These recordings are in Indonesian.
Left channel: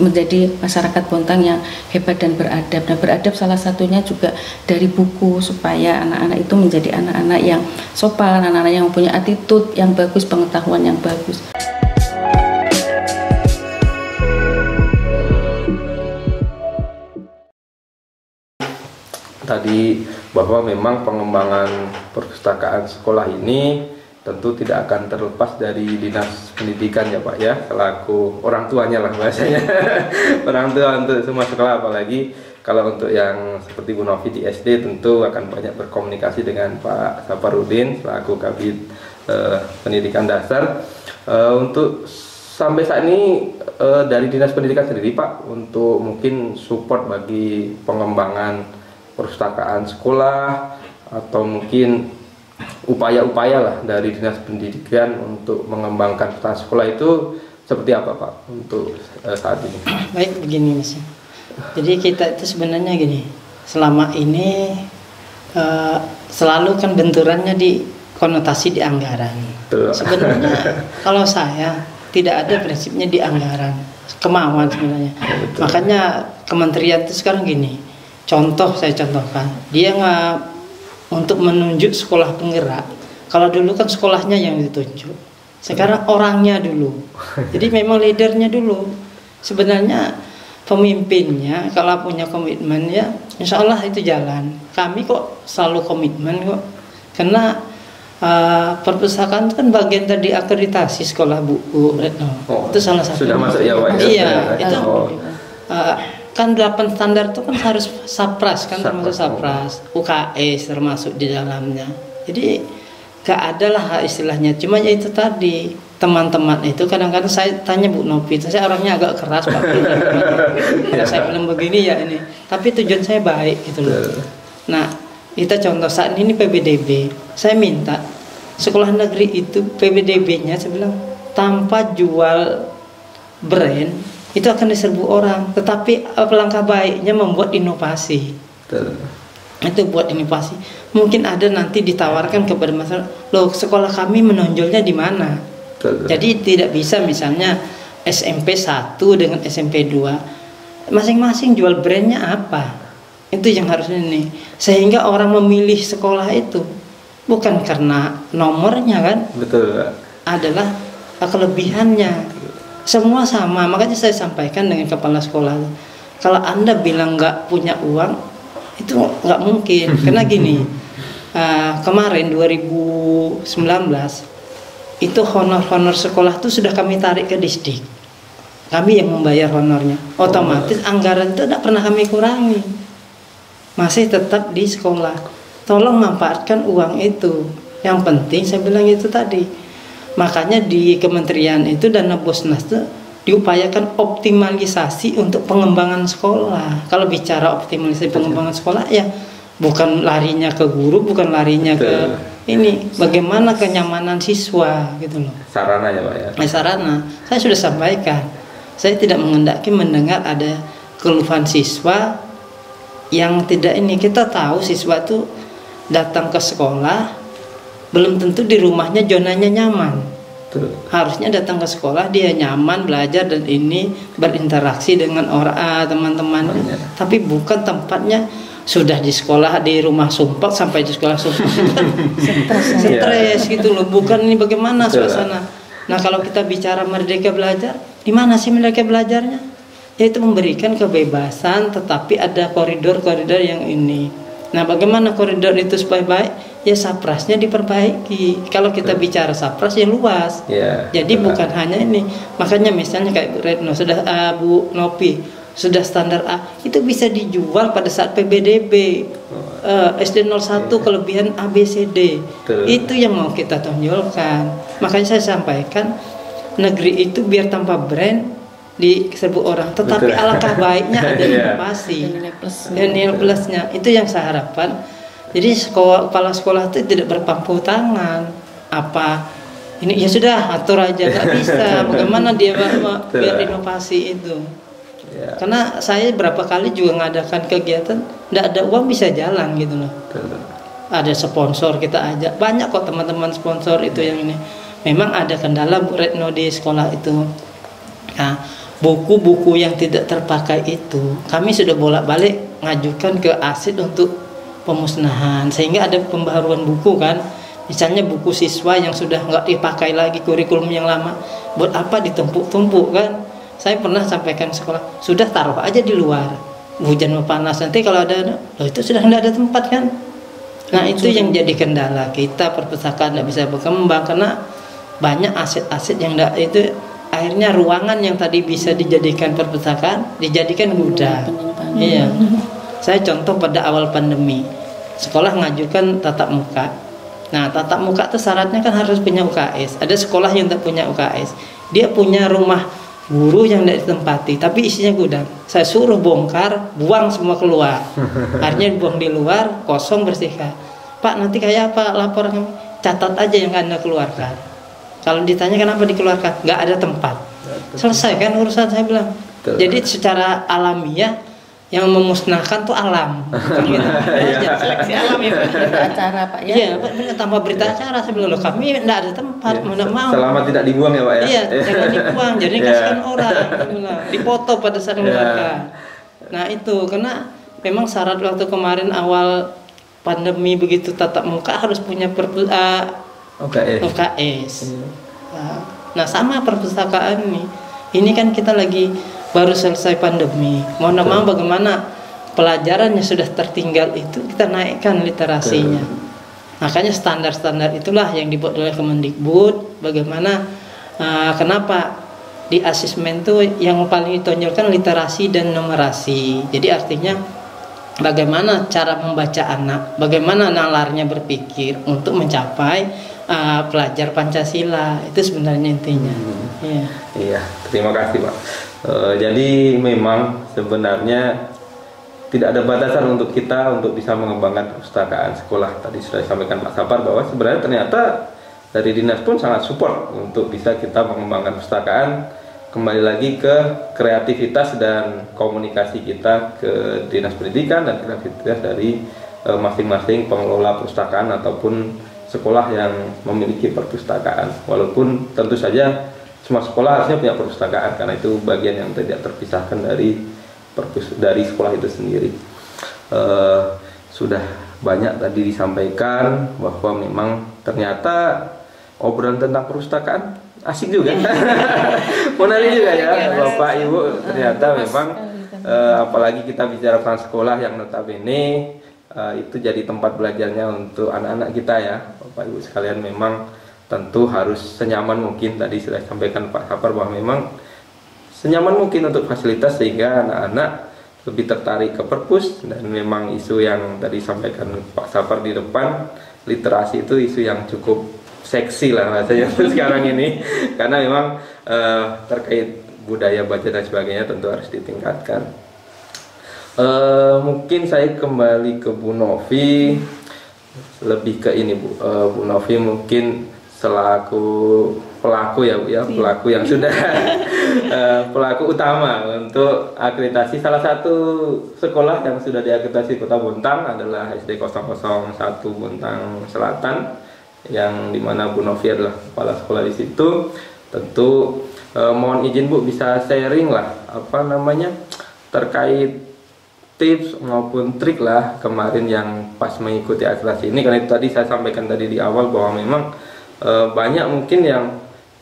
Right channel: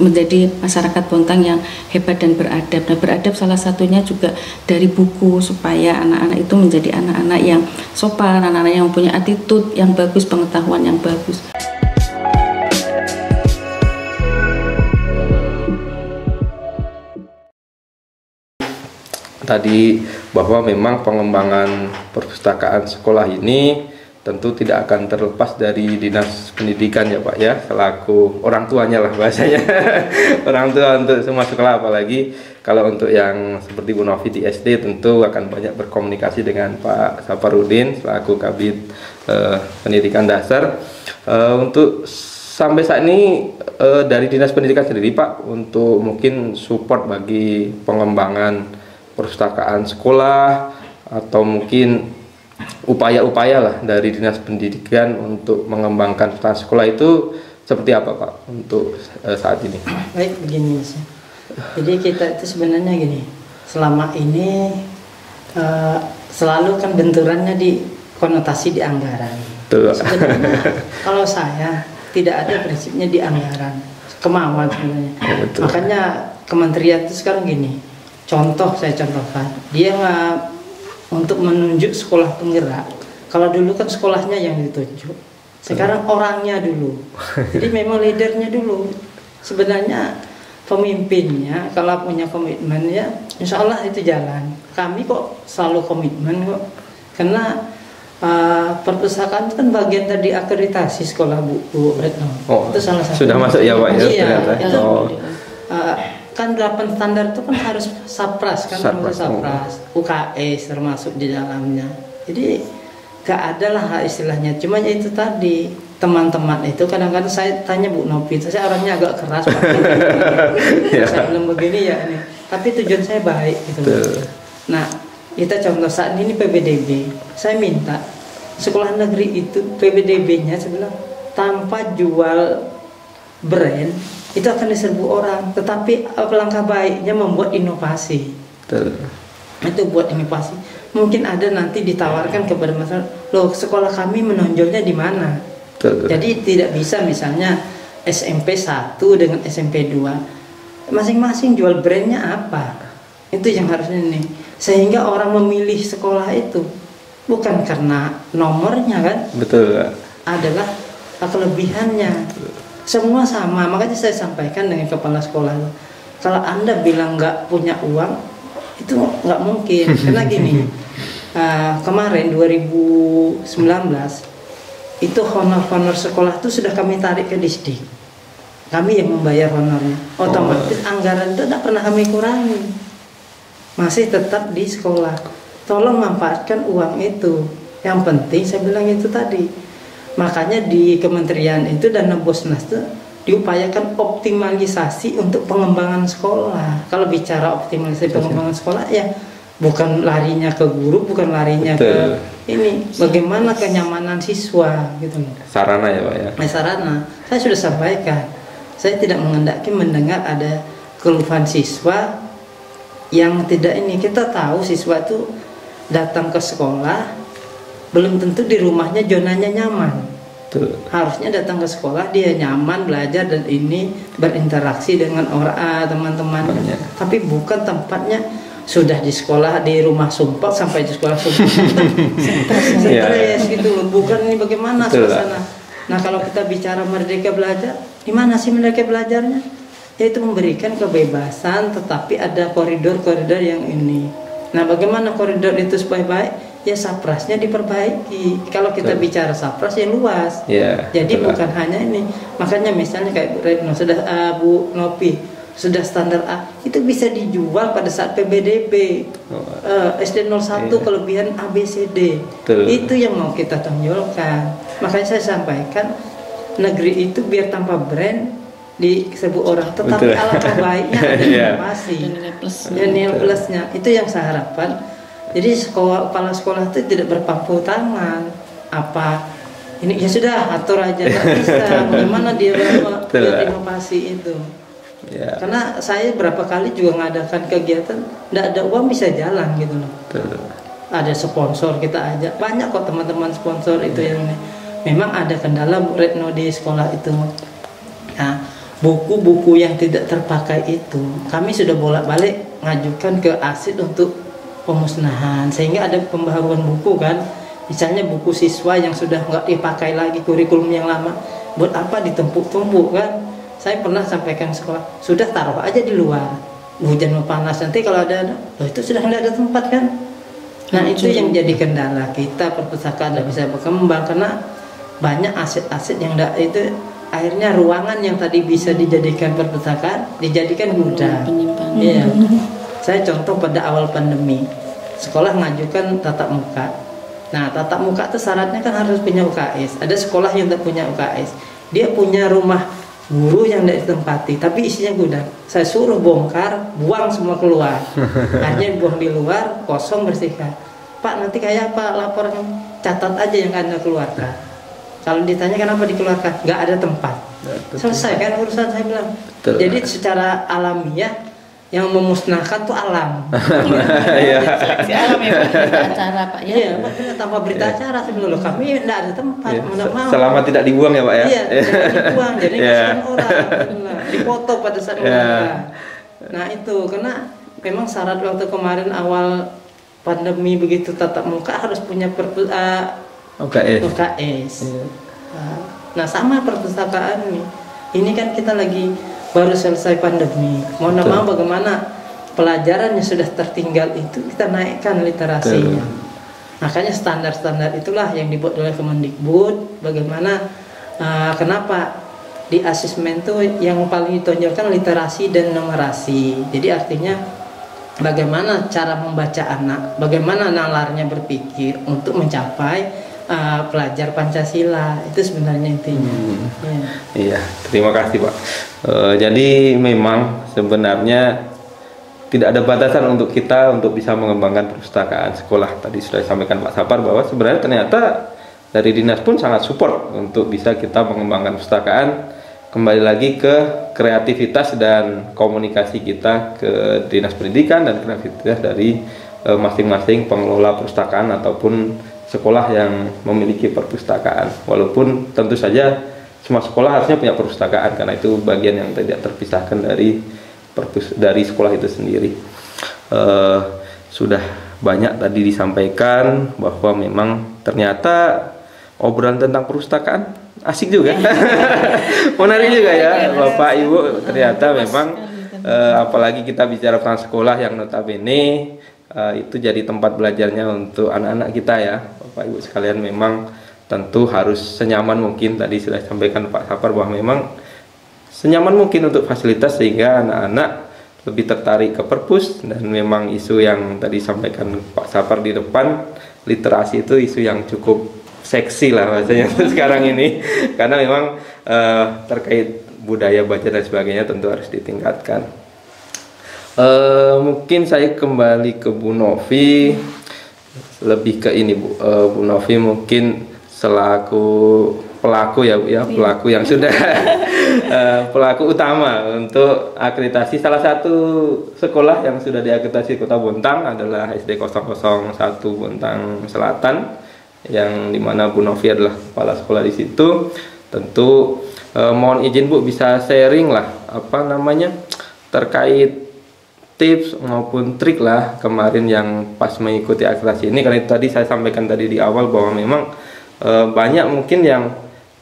menjadi masyarakat Bontang yang hebat dan beradab. Dan beradab salah satunya juga dari buku, supaya anak-anak itu menjadi anak-anak yang sopan, anak-anak yang punya attitude yang bagus, pengetahuan yang bagus. Tadi bahwa memang pengembangan perpustakaan sekolah ini tentu tidak akan terlepas dari Dinas Pendidikan ya Pak ya, selaku orang tuanya lah bahasanya. Orang tua untuk semua sekolah, apalagi kalau untuk yang seperti Bu Novi di SD tentu akan banyak berkomunikasi dengan Pak Saparudin selaku Kabid Pendidikan Dasar. Untuk sampai saat ini dari Dinas Pendidikan sendiri Pak, untuk mungkin support bagi pengembangan perpustakaan sekolah atau mungkin upaya-upaya lah dari Dinas Pendidikan untuk mengembangkan perpustakaan sekolah itu seperti apa Pak untuk saat ini? Baik, begini Mas. Jadi kita itu sebenarnya gini, selama ini selalu kan benturannya di konotasi di anggaran. Sebenarnya kalau saya tidak ada prinsipnya di anggaran, kemauan sebenarnya. Betul. Makanya kementerian itu sekarang gini, saya contohkan, dia nggak untuk menunjuk sekolah penggerak. Kalau dulu kan sekolahnya yang ditunjuk, sekarang orangnya dulu. Jadi memang leadernya dulu. Sebenarnya pemimpinnya kalau punya komitmen ya insya Allah itu jalan. Kami kok selalu komitmen kok, karena perpustakaan itu kan bagian dari akreditasi sekolah Bu Retno. Itu salah satu. Sudah masuk ya Pak ya? Iya, itu kan 8 standar itu kan harus SAPRAS kan, termasuk SAPRAS, UKS termasuk di dalamnya. Jadi gak ada lah istilahnya. Cuma ya itu tadi, teman-teman itu kadang-kadang saya tanya Bu Novi, saya orangnya agak keras Pak. Saya belum begini ya ini. Tapi tujuan saya baik gitu loh. Nah, kita contoh saat ini PBDB. Saya minta sekolah negeri itu PBDB-nya saya bilang tanpa jual brand itu akan diserbu orang, tetapi langkah baiknya membuat inovasi. Itu buat inovasi. Mungkin ada nanti ditawarkan kepada masyarakat, loh sekolah kami menonjolnya di mana? Jadi tidak bisa misalnya SMP 1 dengan SMP 2 masing-masing jual brandnya apa? Itu yang harusnya nih. Sehingga orang memilih sekolah itu bukan karena nomornya kan? Betul. Adalah kelebihannya. Semua sama, makanya saya sampaikan dengan kepala sekolah. Kalau Anda bilang nggak punya uang, itu nggak mungkin. Karena gini, kemarin 2019 itu honor sekolah itu sudah kami tarik ke distrik. Kami yang membayar honornya. Otomatis anggaran itu tidak pernah kami kurangi. Masih tetap di sekolah. Tolong manfaatkan uang itu. Yang penting saya bilang itu tadi. Makanya di kementerian itu dana Bosnas itu diupayakan optimalisasi untuk pengembangan sekolah. Kalau bicara optimalisasi pengembangan sekolah ya bukan larinya ke guru, bukan larinya ke ini, bagaimana kenyamanan siswa gitu loh. Sarana ya Pak ya. Sarana. Saya sudah sampaikan. Saya tidak mengendaki mendengar ada keluhan siswa yang tidak ini. Kita tahu siswa itu datang ke sekolah belum tentu di rumahnya zonanya nyaman. Harusnya datang ke sekolah dia nyaman belajar dan ini berinteraksi dengan orang teman-temannya. Tapi bukan tempatnya sudah di sekolah di rumah sumpah sampai di sekolah sumpah stres gitu loh. Bukan ini bagaimana suasana. Nah kalau kita bicara merdeka belajar, di mana sih merdeka belajarnya? Yaitu memberikan kebebasan tetapi ada koridor-koridor yang ini. Nah bagaimana koridor itu supaya baik? Ya SAPRASnya diperbaiki. Kalau kita bicara SAPRAS ya luas. Jadi bukan hanya ini. Makanya misalnya kayak Retno sudah Bu Novi sudah standar A itu bisa dijual pada saat PBDB. SD 01 kelebihan ABCD. Itu yang mau kita tonjolkan. Makanya saya sampaikan negeri itu biar tanpa brand diserbu orang, tetapi alangkah baiknya ada inovasi dan nilai plusnya. Itu yang saya harapkan. Jadi kepala sekolah itu tidak berpangku tangan. Apa ini ya sudah atur aja, nggak bisa. Bagaimana dia biar inovasi itu? Karena saya berapa kali juga ngadakan kegiatan, nggak ada uang bisa jalan gitu loh. Ada sponsor kita ajak, banyak kok teman-teman sponsor itu yang ini. Memang ada kendala Bu Retno di sekolah itu. Nah, buku-buku yang tidak terpakai itu kami sudah bolak-balik ngajukan ke ASID untuk pemusnahan, sehingga ada pembaharuan buku kan. Misalnya buku siswa yang sudah nggak dipakai lagi, kurikulum yang lama, buat apa ditumpuk-tumpuk kan. Saya pernah sampaikan sekolah, sudah taruh aja di luar, hujan panas nanti kalau ada, loh itu sudah nggak ada tempat kan. Nah itu yang jadi kendala kita, perpustakaan nggak bisa berkembang karena banyak aset-aset yang nggak itu, akhirnya ruangan yang tadi bisa dijadikan perpustakaan dijadikan gudang. Iya. Saya contoh pada awal pandemi, sekolah ngajukan tatap muka. Nah, tatap muka itu syaratnya kan harus punya UKS. Ada sekolah yang tidak punya UKS. Dia punya rumah guru yang tidak ditempati, tapi isinya gudang. Saya suruh bongkar, buang semua keluar. Akhirnya buang di luar, kosong, bersihkan. Pak, nanti kayak apa laporannya? Catat aja yang Anda keluarkan. Kalau ditanya kenapa dikeluarkan, nggak ada tempat. Selesai kan urusan, saya bilang. Jadi secara alamiah yang memusnahkan tuh alam. Seleksi alam ya acara Pak ya. Iya, Pak, tanpa berita acara saya bilang, loh kami enggak ada tempat, mana mau. Selama tidak dibuang ya Pak ya. Iya, jangan dibuang, jadi kasihan orang. Dipoto pada saat keluarga. Nah, itu karena memang syarat waktu kemarin awal pandemi begitu tatap muka harus punya UKS. Nah, sama perpustakaan ini. Ini kan kita lagi baru selesai pandemi, mau bagaimana pelajaran yang sudah tertinggal itu kita naikkan literasinya. Makanya standar-standar itulah yang dibuat oleh Kemendikbud. Bagaimana kenapa di asesmen tuh yang paling ditonjolkan literasi dan numerasi. Jadi artinya bagaimana cara membaca anak, bagaimana nalarnya berpikir untuk mencapai pelajar Pancasila, itu sebenarnya intinya. Iya, terima kasih Pak. Jadi memang sebenarnya tidak ada batasan untuk kita untuk bisa mengembangkan perpustakaan sekolah. Tadi sudah disampaikan Pak Sapar bahwa sebenarnya ternyata dari dinas pun sangat support untuk bisa kita mengembangkan perpustakaan. Kembali lagi ke kreativitas dan komunikasi kita ke dinas pendidikan dan kreativitas dari masing-masing pengelola perpustakaan ataupun sekolah yang memiliki perpustakaan. Walaupun tentu saja semua sekolah harusnya punya perpustakaan karena itu bagian yang tidak terpisahkan dari sekolah itu sendiri. Sudah banyak tadi disampaikan bahwa memang ternyata obrolan tentang perpustakaan asik juga. Menarik juga ya Bapak Ibu, ternyata memang apalagi kita bicara tentang sekolah yang notabene itu jadi tempat belajarnya untuk anak-anak kita ya Bapak Ibu sekalian. Memang tentu harus senyaman mungkin, tadi sudah disampaikan Pak Sapar bahwa memang senyaman mungkin untuk fasilitas sehingga anak-anak lebih tertarik ke perpus. Dan memang isu yang tadi disampaikan Pak Sapar di depan, literasi itu isu yang cukup seksi lah rasanya sekarang ini, karena memang terkait budaya baca dan sebagainya tentu harus ditingkatkan. Mungkin saya kembali ke Bu Novi, lebih ke ini Bu Novi mungkin selaku pelaku ya Bu ya, pelaku yang sudah pelaku utama untuk akreditasi salah satu sekolah yang sudah diakreditasi Kota Bontang adalah SD 001 Bontang Selatan, yang dimana Bu Novi adalah kepala sekolah di situ. Tentu mohon izin Bu bisa sharing lah terkait tips maupun trik lah kemarin yang pas mengikuti akreditasi ini, karena itu tadi saya sampaikan tadi di awal bahwa memang banyak mungkin yang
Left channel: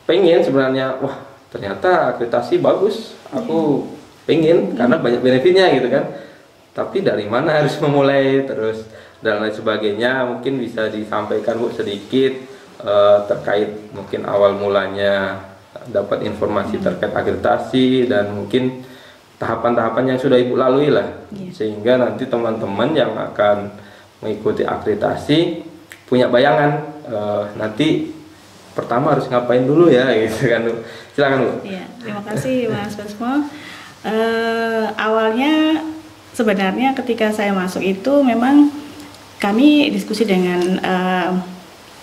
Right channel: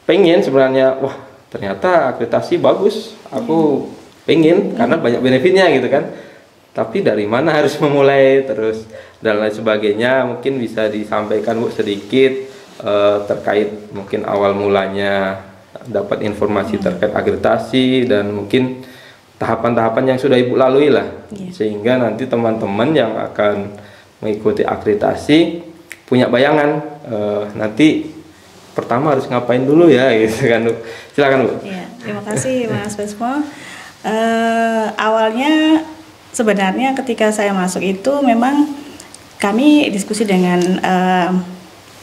pengen sebenarnya, wah ternyata akreditasi bagus, aku pengen karena banyak benefitnya gitu kan, tapi dari mana harus memulai terus dan lain sebagainya. Mungkin bisa disampaikan Bu sedikit terkait mungkin awal mulanya dapat informasi terkait akreditasi dan mungkin tahapan-tahapan yang sudah Ibu lalui lah, sehingga nanti teman-teman yang akan mengikuti akreditasi punya bayangan nanti pertama harus ngapain dulu ya gitu kan Bu. Silakan Bu. Ya, terima kasih Mas Basmo. Awalnya sebenarnya ketika saya masuk itu memang kami diskusi dengan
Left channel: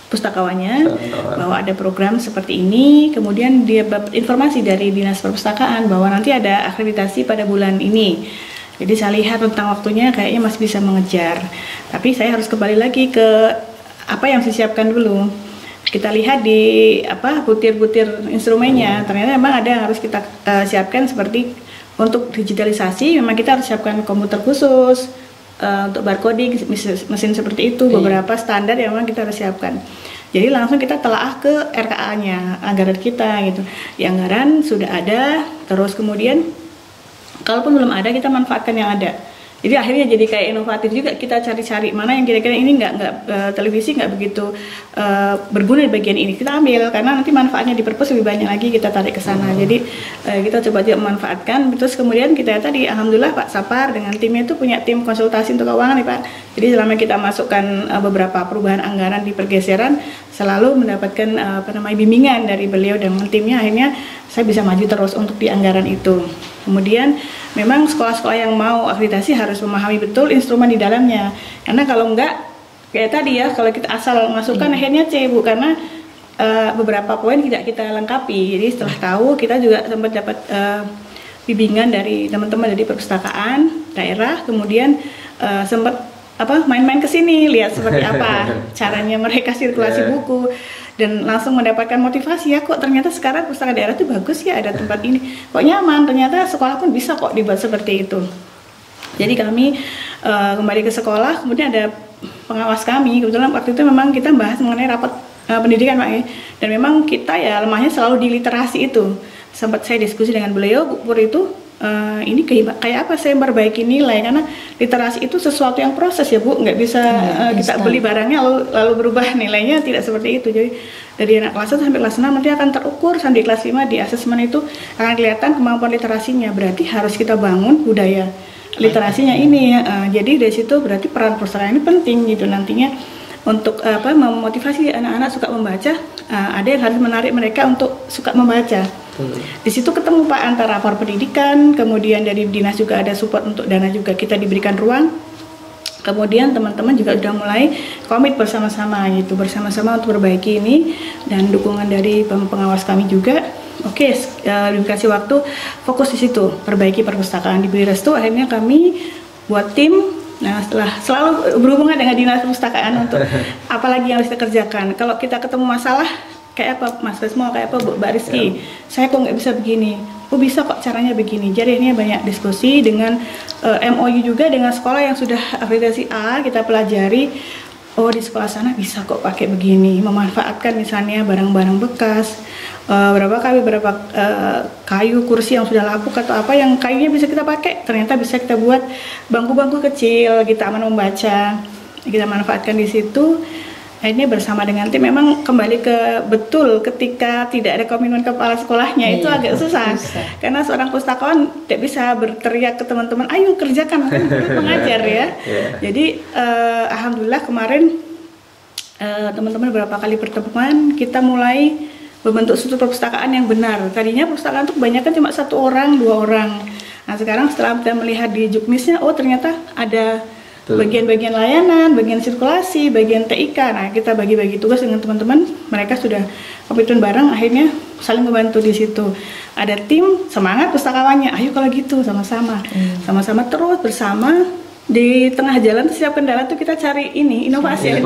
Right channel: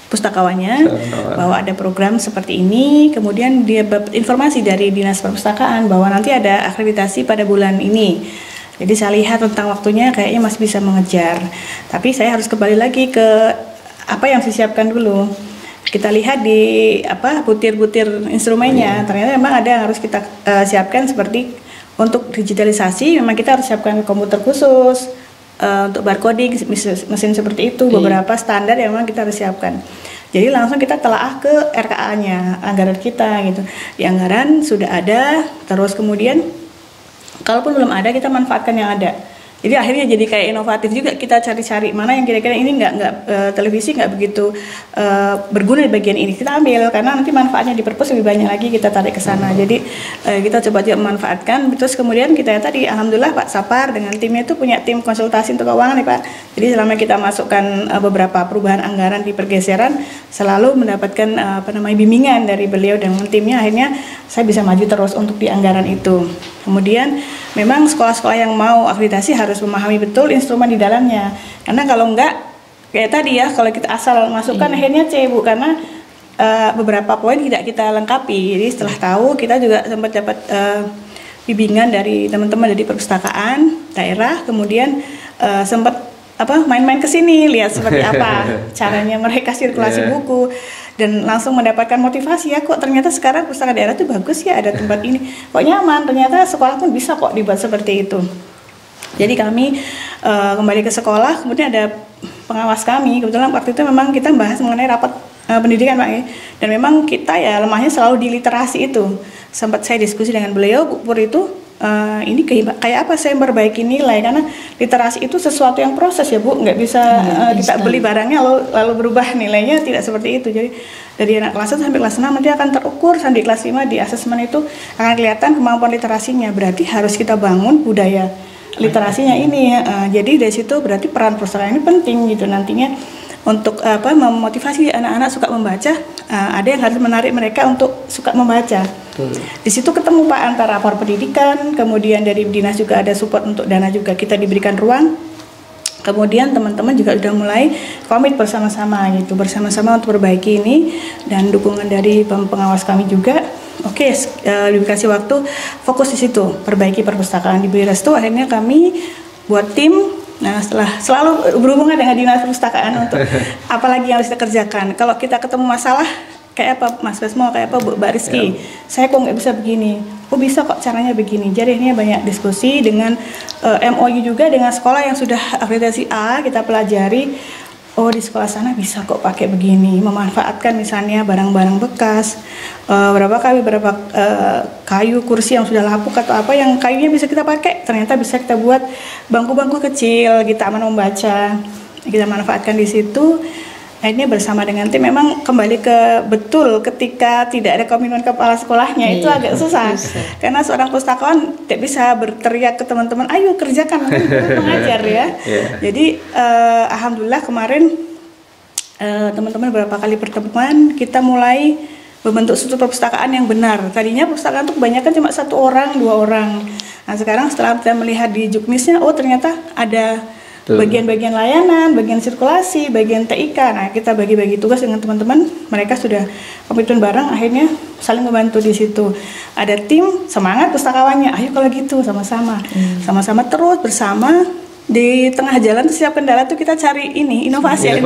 pustakawannya bahwa ada program seperti ini, kemudian dia dapat informasi dari Dinas Perpustakaan bahwa nanti ada akreditasi pada bulan ini. Jadi saya lihat tentang waktunya kayaknya masih bisa mengejar, tapi saya harus kembali lagi ke apa yang disiapkan dulu. kita lihat di butir-butir instrumennya, ternyata memang ada yang harus kita siapkan seperti untuk digitalisasi. Memang kita harus siapkan komputer khusus untuk barcoding, mesin seperti itu, beberapa standar yang memang kita harus siapkan. Jadi langsung kita telaah ke RKA-nya, anggaran kita gitu. Di anggaran sudah ada, terus kemudian kalaupun belum ada kita manfaatkan yang ada. Jadi akhirnya jadi kayak inovatif juga, kita cari-cari mana yang kira-kira ini nggak televisi nggak begitu berguna di bagian ini, kita ambil karena nanti manfaatnya di perpus lebih banyak lagi, kita tarik ke sana. Jadi kita coba juga memanfaatkan. Terus kemudian kita tadi alhamdulillah Pak Sapar dengan timnya itu punya tim konsultasi untuk keuangan nih Pak. Jadi selama kita masukkan beberapa perubahan anggaran di pergeseran, selalu mendapatkan bimbingan dari beliau dengan timnya, akhirnya saya bisa maju terus untuk di anggaran itu. Kemudian memang sekolah-sekolah yang mau akreditasi harus memahami betul instrumen di dalamnya. Karena kalau enggak, kayak tadi ya, kalau kita asal masukkan akhirnya C, Bu, karena beberapa poin tidak kita lengkapi. Jadi setelah tahu, kita juga sempat dapat bimbingan dari teman-teman dari perpustakaan daerah, kemudian sempat main-main ke sini, lihat seperti apa caranya mereka sirkulasi buku, dan langsung mendapatkan motivasi, ya kok ternyata sekarang pustaka daerah itu bagus ya, ada tempat ini, kok nyaman, ternyata sekolah pun bisa kok dibuat seperti itu. Jadi kami kembali ke sekolah, kemudian ada pengawas kami, kebetulan waktu itu memang kita bahas mengenai rapat pendidikan Pak, dan memang kita ya lemahnya selalu di literasi itu. Sempat saya diskusi dengan beliau, Bu Pur itu, ini kayak apa saya memperbaiki nilai, karena literasi itu sesuatu yang proses ya Bu, nggak bisa kita beli barangnya lalu berubah nilainya, tidak seperti itu. Jadi dari anak kelas 1 sampai kelas 6 nanti akan terukur, sampai kelas 5 di asesmen itu akan kelihatan kemampuan literasinya. Berarti harus kita bangun budaya literasinya ini ya. Jadi dari situ berarti peran perpustakaan ini penting gitu nantinya untuk memotivasi anak-anak suka membaca. Ada yang harus menarik mereka untuk suka membaca. Di situ ketemu Pak antara lapor pendidikan, kemudian dari dinas juga ada support untuk dana juga kita diberikan ruang. Kemudian teman-teman juga sudah mulai komit bersama-sama gitu, bersama-sama untuk perbaiki ini, dan dukungan dari pengawas kami juga. Oke, dikasih waktu fokus di situ, perbaiki perpustakaan, diberi restu, akhirnya kami buat tim. Nah, setelah selalu berhubungan dengan dinas perpustakaan untuk apalagi yang harus kita kerjakan. Kalau kita ketemu masalah kayak apa Mas Besmo, kayak apa Mbak Rizky, saya kok nggak bisa begini, bisa kok caranya begini. Jadi ini banyak diskusi dengan MOU juga dengan sekolah yang sudah akreditasi A, kita pelajari, oh di sekolah sana bisa kok pakai begini, memanfaatkan misalnya barang-barang bekas, berapa kayu kursi yang sudah lapuk atau apa yang kayunya bisa kita pakai, ternyata bisa kita buat bangku-bangku kecil, kita aman membaca, kita manfaatkan di situ. Akhirnya bersama dengan tim memang kembali ke betul ketika tidak ada komitmen kepala sekolahnya itu agak susah. Karena seorang pustakawan tidak bisa berteriak ke teman-teman, ayo kerjakan, kan pengajar ya. Jadi alhamdulillah kemarin teman-teman beberapa kali pertemuan kita mulai membentuk struktur perpustakaan yang benar. Tadinya perpustakaan itu kebanyakan cuma 1 orang, 2 orang. Nah sekarang setelah kita melihat di juknisnya, oh ternyata ada bagian-bagian layanan, bagian sirkulasi, bagian TIK. Nah, kita bagi-bagi tugas dengan teman-teman. Mereka sudah komitmen bareng, akhirnya saling membantu di situ. Ada tim semangat pustakawannya. Ayo kalau gitu sama-sama. Sama-sama terus bersama. Di tengah jalan setiap kendala tuh kita cari ini inovasi ya.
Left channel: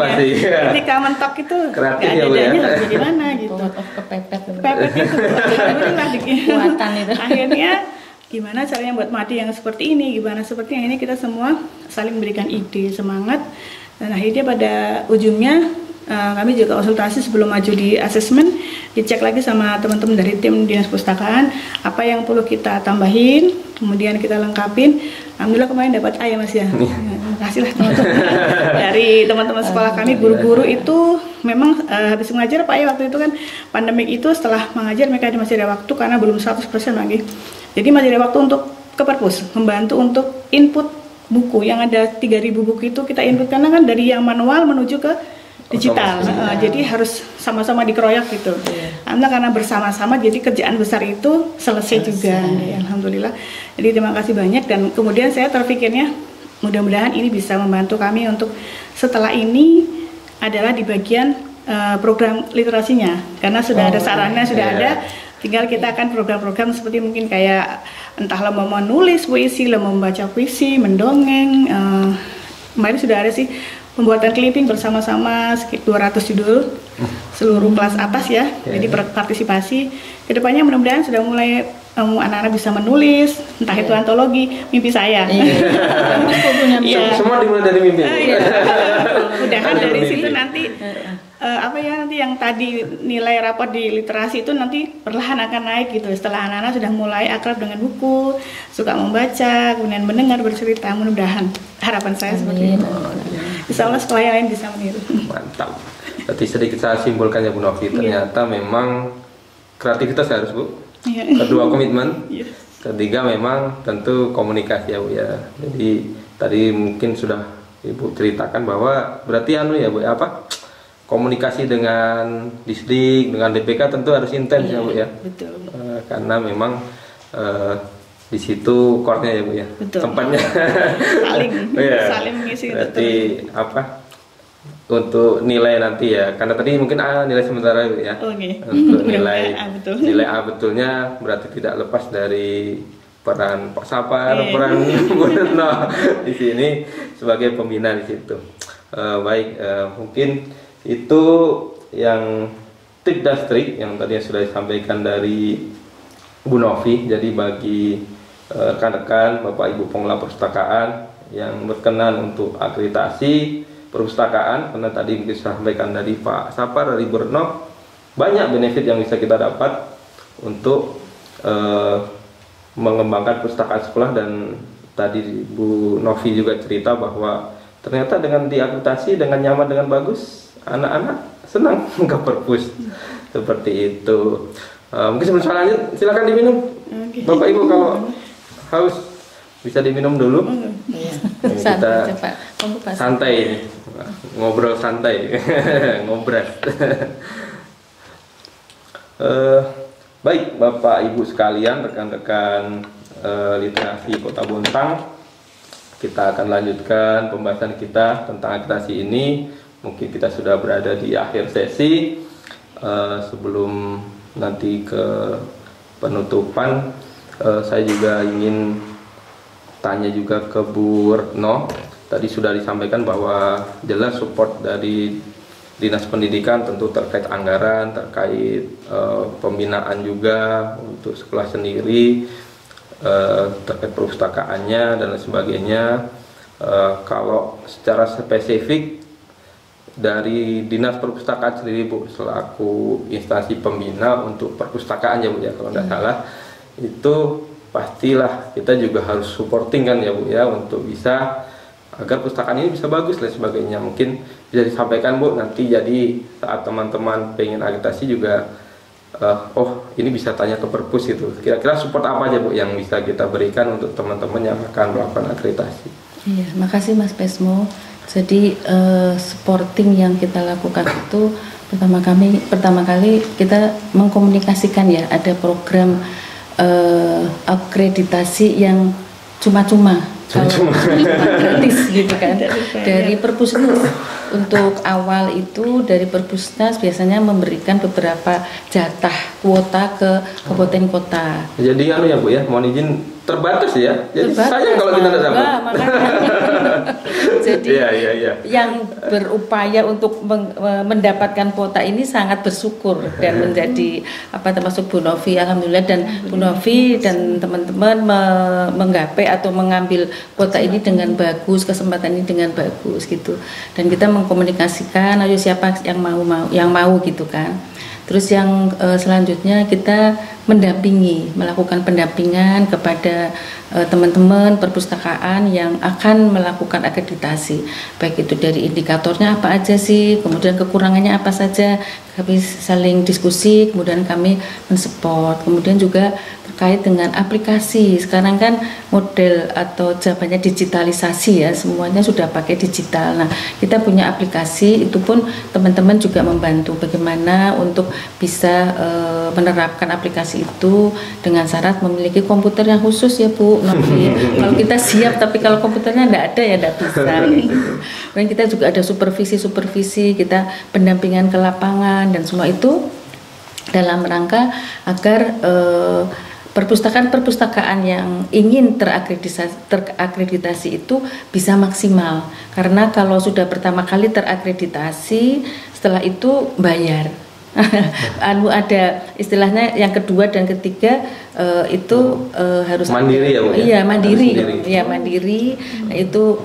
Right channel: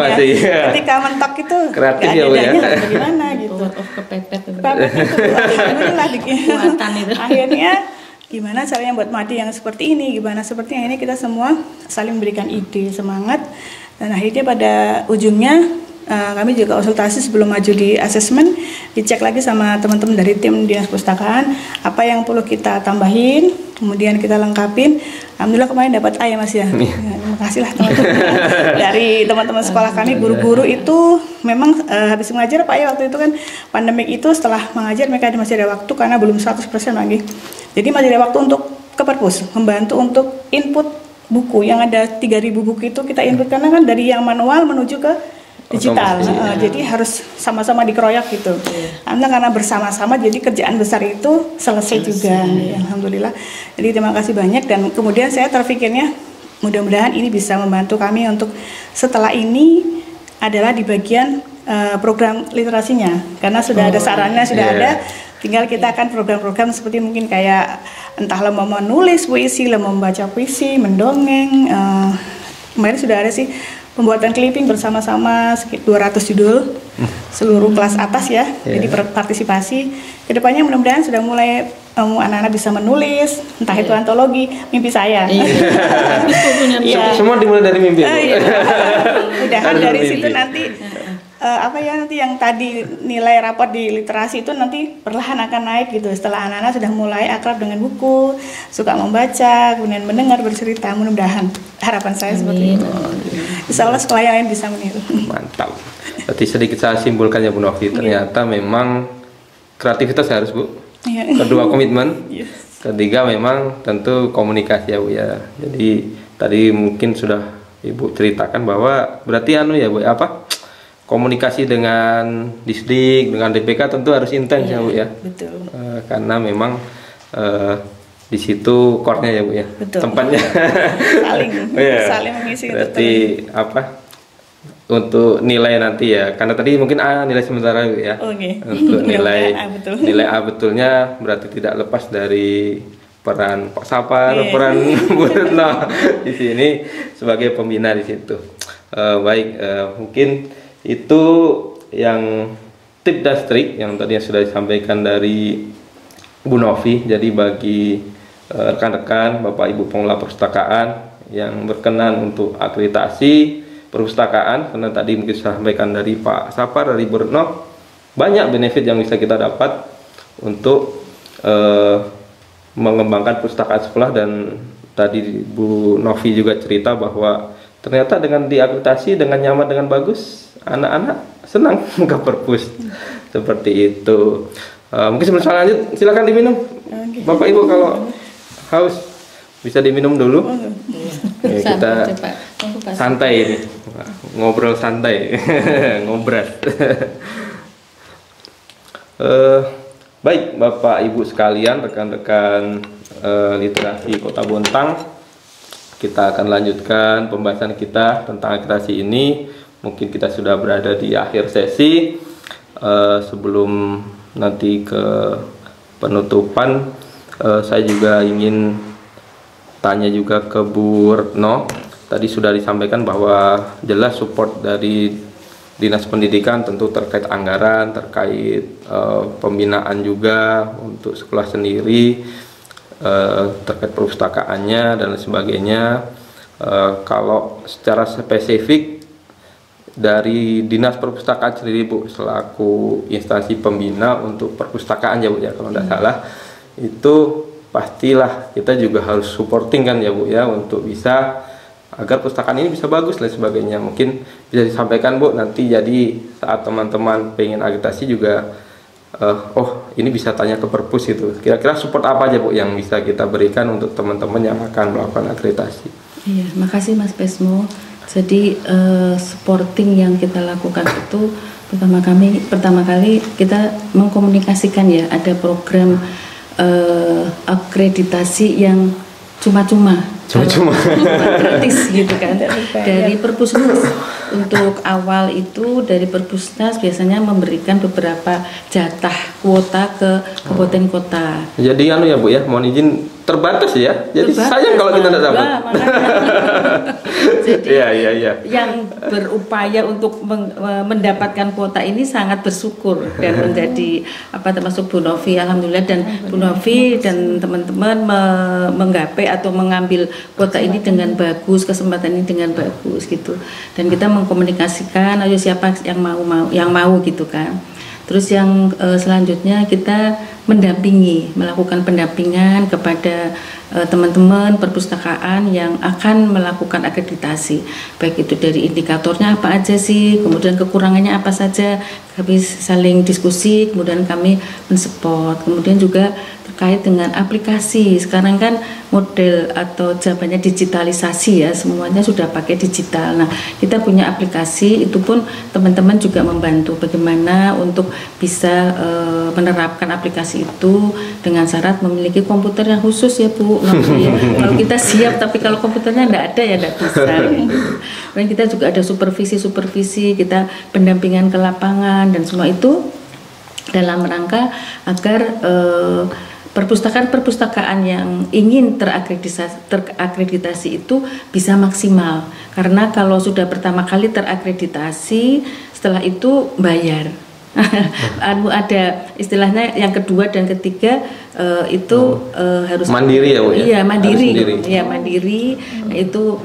Ketika mentok itu nggak ada adanya bagaimana gitu. Kepepet itu. Akhirnya gimana caranya buat mati yang seperti ini, gimana seperti yang ini, kita semua saling memberikan ide, semangat, dan akhirnya pada ujungnya kami juga konsultasi sebelum maju di asesmen, dicek lagi sama teman-teman dari tim dinas perpustakaan apa yang perlu kita tambahin, kemudian kita lengkapin. Alhamdulillah kemarin dapat A ya Mas ya. Terima kasih lah teman-teman dari teman-teman sekolah kami, guru-guru itu memang habis mengajar Pak ya, waktu itu kan pandemik itu, setelah mengajar mereka masih ada waktu karena belum 100% lagi. Jadi masih ada waktu untuk ke perpus, membantu untuk input buku yang ada 3.000 buku itu kita input, karena kan dari yang manual menuju ke digital. Jadi harus sama-sama dikeroyok gitu. Karena bersama-sama jadi kerjaan besar itu selesai juga. Alhamdulillah. Jadi terima kasih banyak, dan kemudian saya terpikirnya mudah-mudahan ini bisa membantu kami untuk setelah ini adalah di bagian program literasinya, karena sudah ada sarannya, sudah ada. Tinggal kita akan program-program seperti mungkin kayak entahlah mau menulis puisi, mau membaca puisi, mendongeng. Kemarin sudah ada sih pembuatan clipping bersama-sama sekitar 200 judul seluruh kelas atas ya. Jadi partisipasi kedepannya mudah-mudahan sudah mulai anak-anak bisa menulis, entah itu antologi, mimpi saya. Semua dimulai dari mimpi. Mudahan dari situ nanti nanti yang tadi nilai rapor di literasi itu nanti perlahan akan naik gitu setelah anak-anak sudah mulai akrab dengan buku, suka membaca, kemudian mendengar bercerita. Mudah-mudahan harapan saya seperti itu. Insya Allah sekolah yang lain bisa meniru. Mantap. Berarti sedikit saya simpulkan ya Bu Novi, ternyata memang kreativitas harus Bu. Kedua komitmen. Ketiga memang tentu komunikasi ya Bu ya. Jadi tadi mungkin sudah Ibu ceritakan bahwa berarti ya Bu komunikasi dengan Disdik, dengan DPK tentu harus intens ya Bu ya. Betul. Karena memang di situ core-nya ya Bu ya. Betul. Tempatnya saling mengisi. Berarti untuk nilai nanti ya, karena tadi mungkin nilai sementara ya. Untuk nilai A betulnya berarti tidak lepas dari peran Pak Sapar, peran Bu Retno di sini sebagai pembina di situ. Mungkin itu yang tip dan trik yang tadi sudah disampaikan dari Bu Novi. Jadi bagi rekan-rekan Bapak Ibu pengelola perpustakaan yang berkenan untuk akreditasi perpustakaan, karena tadi mungkin disampaikan dari Pak Sapar, dari Bu Retno, banyak benefit yang bisa kita dapat untuk mengembangkan perpustakaan sekolah. Dan tadi Bu Novi juga cerita bahwa ternyata dengan diakreditasi dengan nyaman, dengan bagus, anak-anak senang ke perpus. Seperti itu. Mungkin sebelum lanjut silakan diminum. Bapak Ibu kalau haus bisa diminum dulu. Kita santai ini, ngobrol santai, ngobras. Baik Bapak Ibu sekalian, rekan-rekan literasi Kota Bontang, kita akan lanjutkan pembahasan kita tentang akreditasi ini. Mungkin kita sudah berada di akhir sesi. Sebelum nanti ke penutupan, saya juga ingin tanya juga ke Bu Retno. Tadi sudah disampaikan bahwa jelas support dari Dinas Pendidikan tentu terkait anggaran, terkait pembinaan juga untuk sekolah sendiri, terkait perpustakaannya dan lain sebagainya. Kalau secara spesifik dari Dinas Perpustakaan sendiri Bu, selaku instansi pembina untuk perpustakaan ya Bu ya, kalau tidak salah, itu pastilah kita juga harus supporting kan ya Bu ya, untuk bisa agar perpustakaan ini bisa bagus dan sebagainya. Mungkin bisa disampaikan Bu nanti, jadi saat teman-teman pengen akreditasi juga ini bisa tanya ke perpus itu. Kira-kira support apa aja Bu yang bisa kita berikan untuk teman-teman yang akan melakukan akreditasi? Iya, makasih Mas Pesmo. Jadi supporting yang kita lakukan itu pertama kali kita mengkomunikasikan ya, ada program akreditasi yang cuma-cuma gratis gitu kan dari Perpusnas. Untuk awal itu dari Perpusnas biasanya memberikan beberapa jatah kuota ke kabupaten kota. Jadi ya Bu ya, mohon izin terbatas ya. Jadi sayang kalau kita tidak dapat. Jadi yang berupaya untuk mendapatkan kuota ini sangat bersyukur dan menjadi termasuk Bu Novi, alhamdulillah, dan Bu Novi dan teman-teman menggapai atau mengambil kuota ini dengan bagus, kesempatan ini dengan bagus gitu. Dan kita mengkomunikasikan ayo siapa yang mau gitu kan. Terus yang selanjutnya kita melakukan pendampingan kepada teman-teman perpustakaan yang akan melakukan akreditasi, baik itu dari indikatornya apa aja sih, kemudian kekurangannya apa saja, kami saling diskusi, kemudian kami mensupport. Kemudian juga terkait dengan aplikasi, sekarang kan model atau zamannya digitalisasi ya, semuanya sudah pakai digital. Nah, kita punya aplikasi, itu pun teman-teman juga membantu bagaimana untuk bisa menerapkan aplikasi itu dengan syarat memiliki komputer yang khusus ya Bu. Kalau kita siap tapi kalau komputernya tidak ada ya tidak bisa. Dan kita juga ada supervisi, kita pendampingan ke lapangan dan semua itu dalam rangka agar perpustakaan-perpustakaan yang ingin terakreditasi itu bisa maksimal, karena kalau sudah pertama kali terakreditasi, setelah itu bayar. Ada istilahnya yang kedua dan ketiga itu harus mandiri ya, Bu, ya? Iya, mandiri. Iya, mandiri. Nah, itu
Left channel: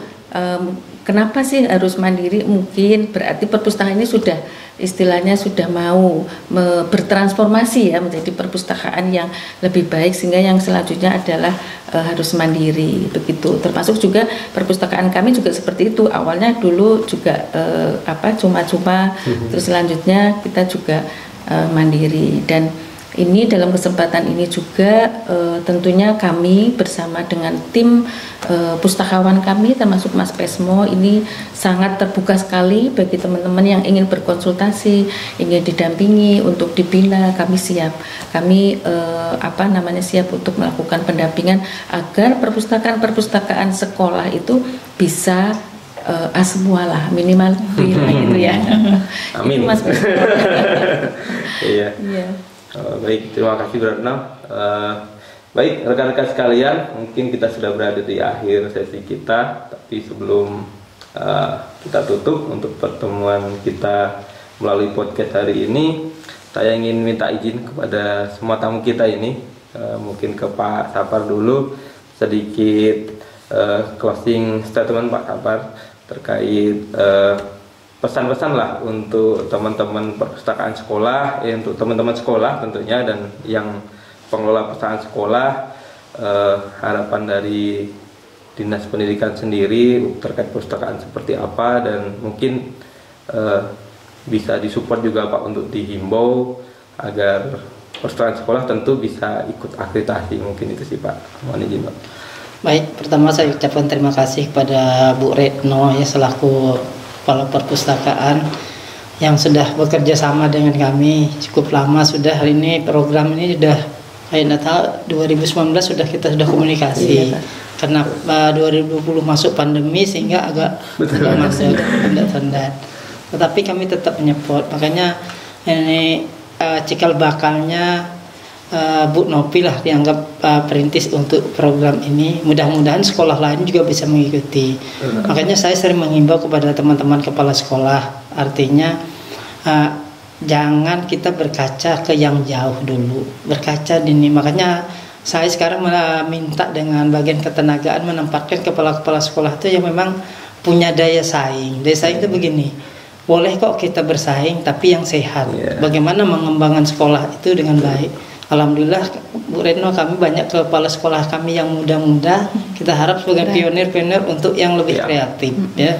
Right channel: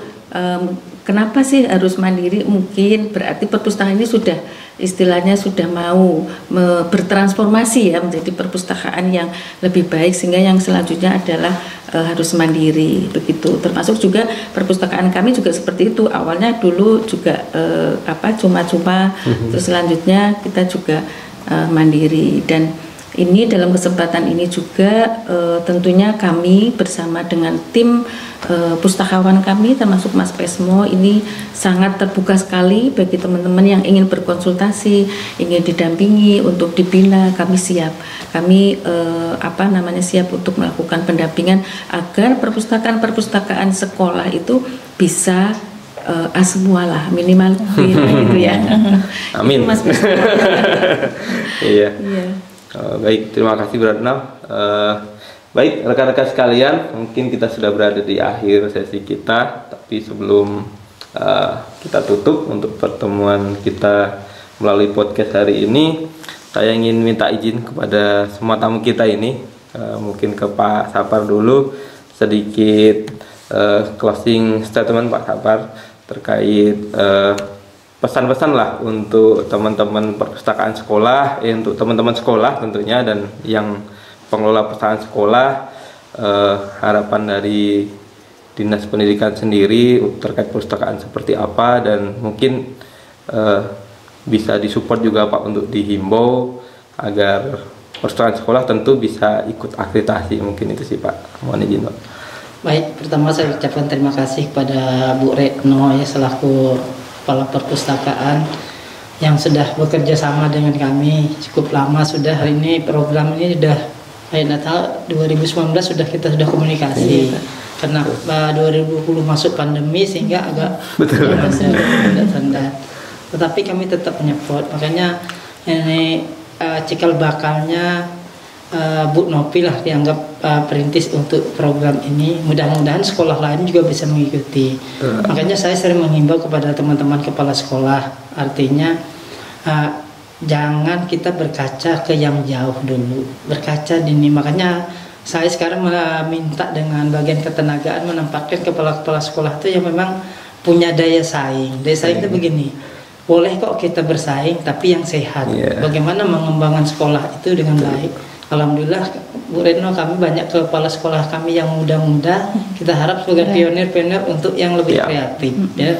kenapa sih harus mandiri? Mungkin berarti perpustakaan ini sudah istilahnya sudah mau bertransformasi ya menjadi perpustakaan yang lebih baik, sehingga yang selanjutnya adalah harus mandiri begitu. Termasuk juga perpustakaan kami juga seperti itu. Awalnya dulu juga cuma-cuma, terus selanjutnya kita juga mandiri. Dan ini dalam kesempatan ini juga tentunya kami bersama dengan tim pustakawan kami termasuk Mas Pesmo ini sangat terbuka sekali bagi teman-teman yang ingin berkonsultasi, ingin didampingi untuk dibina. Kami siap, kami siap untuk melakukan pendampingan agar perpustakaan sekolah itu bisa semua lah, minimal gitu ya. Amin. Mas Pesmo. Iya. Baik, terima kasih Bu Retno. Baik, rekan-rekan sekalian, mungkin kita sudah berada di akhir sesi kita, tapi sebelum kita tutup untuk pertemuan kita melalui podcast hari ini, saya ingin minta izin kepada semua tamu kita ini, mungkin ke Pak Sapar dulu, sedikit closing statement Pak Sapar terkait pesan-pesan lah untuk teman-teman perpustakaan sekolah, untuk teman-teman sekolah tentunya, dan yang pengelola perpustakaan sekolah, harapan dari Dinas Pendidikan sendiri terkait perpustakaan seperti apa, dan mungkin bisa disupport juga Pak untuk dihimbau agar perpustakaan sekolah tentu bisa ikut akreditasi. Mungkin itu sih Pak, mohon izin Pak. Baik, pertama saya ucapkan terima kasih kepada Bu Retno ya selaku Kepala Perpustakaan yang sudah bekerja sama dengan kami cukup lama sudah. Hari ini program ini sudah Natal 2019 kita sudah komunikasi. Karena 2020 masuk pandemi sehingga agak masih tanda. Tetapi kami tetap menyupport. Makanya ini cikal bakalnya Bu Nopi lah dianggap perintis untuk program ini. Mudah-mudahan sekolah lain juga bisa mengikuti. Makanya saya sering menghimbau kepada teman-teman kepala sekolah, artinya jangan kita berkaca ke yang jauh dulu, berkaca dini. Makanya saya sekarang minta dengan bagian ketenagaan menempatkan kepala-kepala sekolah itu yang memang punya daya saing. Daya saing itu begini, boleh kok kita bersaing tapi yang sehat. Bagaimana mengembangkan sekolah itu dengan baik. Alhamdulillah Bu Retno, kami banyak kepala sekolah kami yang muda-muda. Kita harap sebagai pionir-pionir untuk yang lebih kreatif ya.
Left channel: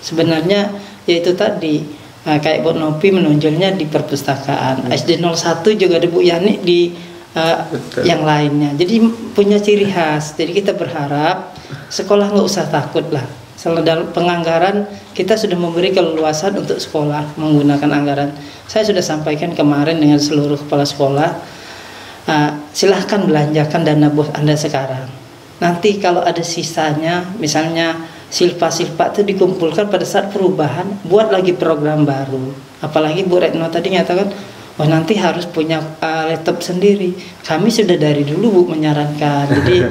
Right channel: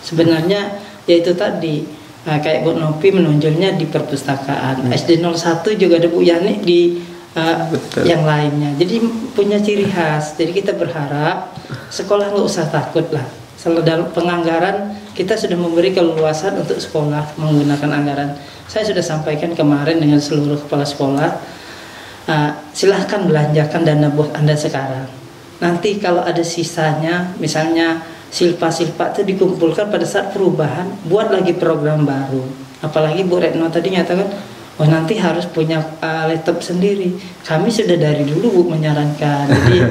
Sebenarnya yaitu tadi kayak Bu Nopi menonjolnya di perpustakaan, SD 01 juga ada Bu Yani di yang lainnya. Jadi punya ciri khas. Jadi kita berharap sekolah nggak usah takut lah. Selalu dalam penganggaran kita sudah memberi keleluasan untuk sekolah menggunakan anggaran. Saya sudah sampaikan kemarin dengan seluruh kepala sekolah. Silahkan belanjakan dana bos Anda sekarang. Nanti kalau ada sisanya, misalnya silpa-silpa itu dikumpulkan pada saat perubahan, buat lagi program baru. Apalagi Bu Retno tadi nyatakan, oh nanti harus punya laptop sendiri. Kami sudah dari dulu Bu menyarankan. Jadi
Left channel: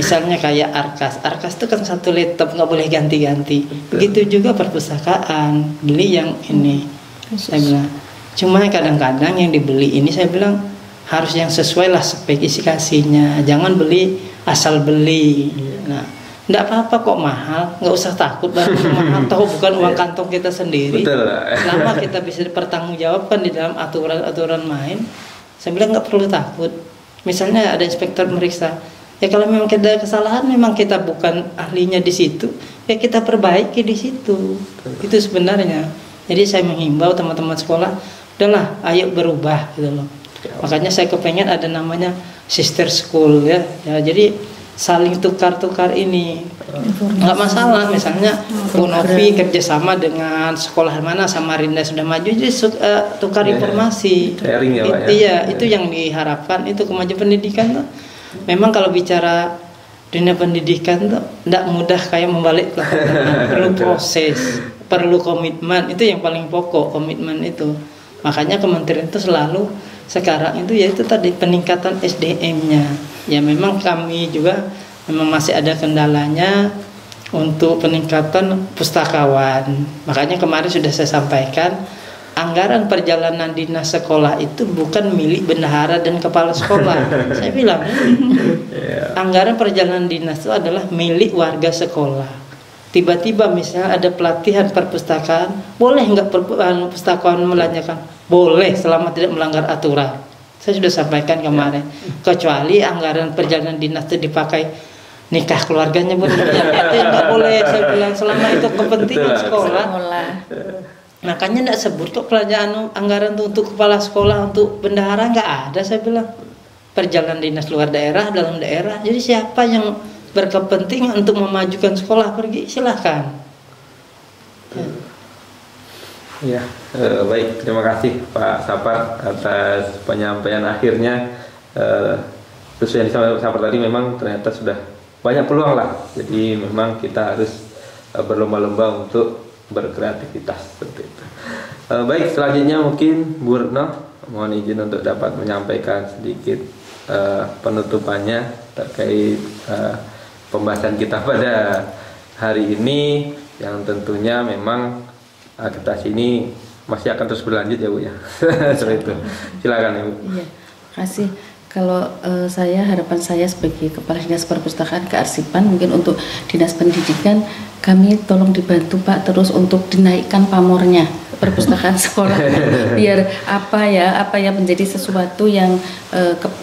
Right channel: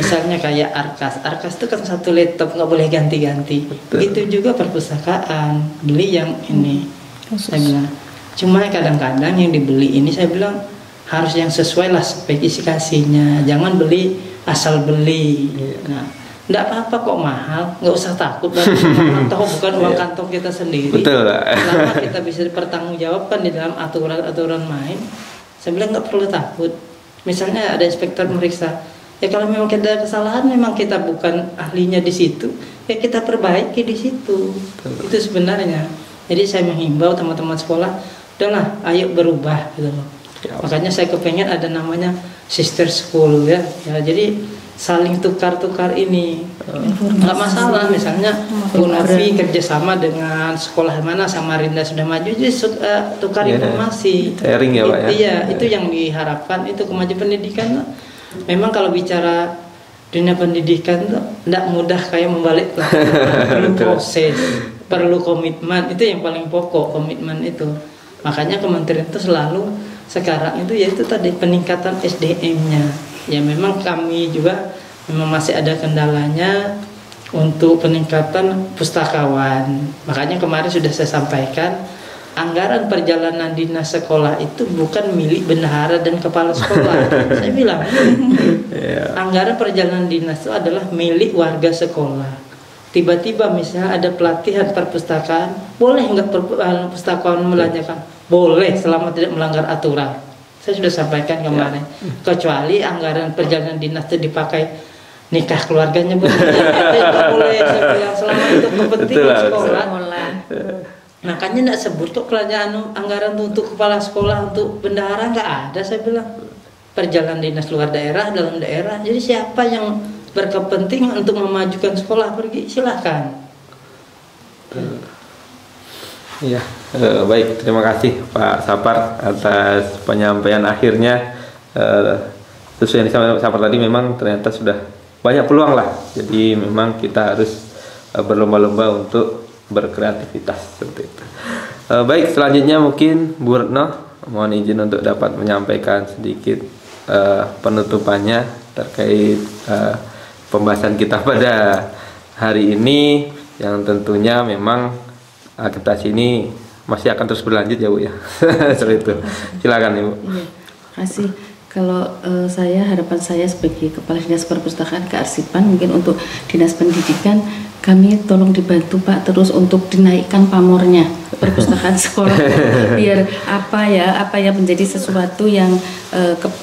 misalnya kayak Arkas itu kan satu laptop nggak boleh ganti-ganti. Begitu juga perpustakaan, beli yang ini. Saya bilang, cuma kadang-kadang yang dibeli ini saya bilang harus yang sesuai lah spesifikasinya, jangan beli asal beli. Nah, enggak apa-apa kok mahal, nggak usah takut banget mahal, tahu bukan uang kantong kita sendiri. Selama kita bisa dipertanggungjawabkan di dalam aturan-aturan main, saya bilang nggak perlu takut. Misalnya ada inspektor meriksa, ya kalau memang kita ada kesalahan, memang kita bukan ahlinya di situ, ya kita perbaiki di situ. Itu sebenarnya. Jadi saya menghimbau teman-teman sekolah, udahlah, ayo berubah gitu loh. Makanya saya kepengen ada namanya sister school ya jadi saling tukar-tukar ini, nggak masalah. Misalnya Bu Novi kerjasama dengan sekolah mana, Samarinda sudah maju, jadi tukar informasi. Sharing ya Pak ya. Iya, itu yang diharapkan. Itu kemajuan pendidikan tuh. Memang kalau bicara dunia pendidikan tuh tidak mudah kayak membalik lah. Perlu proses, perlu komitmen, itu yang paling pokok, komitmen itu. Makanya kementerian itu selalu sekarang itu yaitu tadi peningkatan SDM-nya. Ya memang kami juga memang masih ada kendalanya untuk peningkatan pustakawan. Makanya kemarin sudah saya sampaikan, anggaran perjalanan dinas sekolah itu bukan milik bendahara dan kepala sekolah. Saya bilang, anggaran perjalanan dinas itu adalah milik warga sekolah. Tiba-tiba misalnya ada pelatihan perpustakaan, boleh nggak pustakawan melanjutkan? Boleh, selama tidak melanggar aturan. Saya sudah sampaikan kemarin. Kecuali anggaran perjalanan dinas itu dipakai nikah keluarganya, itu nggak boleh. Saya bilang selama itu kepentingan sekolah. Makanya tidak sebut kok pelajaran anggaran untuk kepala sekolah, untuk bendahara nggak ada. Saya bilang perjalanan dinas luar daerah, dalam daerah. Jadi siapa yang berkepentingan untuk memajukan sekolah pergi, silahkan. Ya, baik, terima kasih Pak Sapar atas penyampaian akhirnya. Sesuai yang disampaikan Pak Sapar tadi, memang ternyata sudah banyak peluang lah. Jadi memang kita harus berlomba-lomba untuk berkreativitas seperti itu. Baik, selanjutnya mungkin Bu Retno mohon izin untuk dapat menyampaikan sedikit penutupannya terkait pembahasan kita pada hari ini, yang tentunya memang akreditasi ini masih akan terus berlanjut ya Bu ya. Seperti itu. Silakan Ibu. Iya, terima kasih. Kalau harapan saya sebagai Kepala Dinas Perpustakaan Kearsipan, mungkin untuk Dinas Pendidikan, kami tolong dibantu Pak terus untuk dinaikkan pamornya perpustakaan sekolah, biar apa ya menjadi sesuatu yang